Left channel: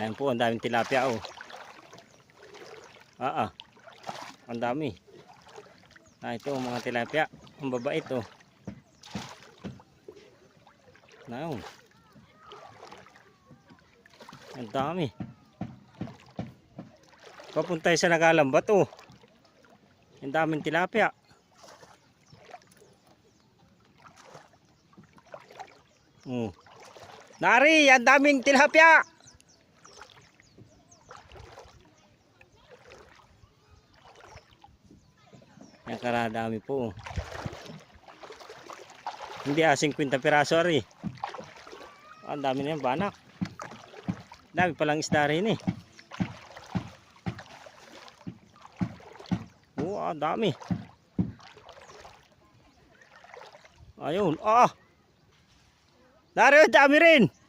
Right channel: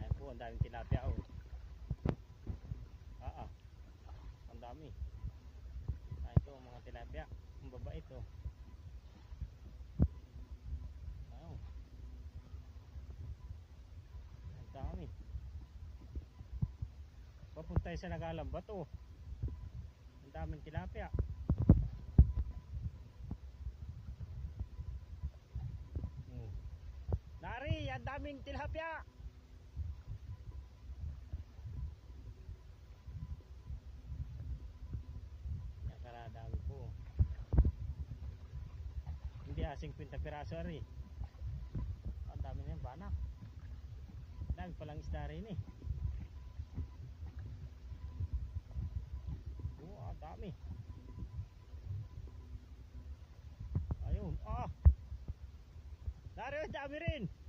Ayan po, ang daming tilapia oh. Ang dami. Ito mga tilapia. Ang babait oh. Ayun. Ang dami. Papunta sa nagalambat oh. Ang daming tilapia. Nari, ang daming tilapia. Yan karadami po. Hindi 50 piraso ari. Ang dami na yan, banak. Dami palang isda rin eh. Ang dami. Ayun, Nari, dami rin.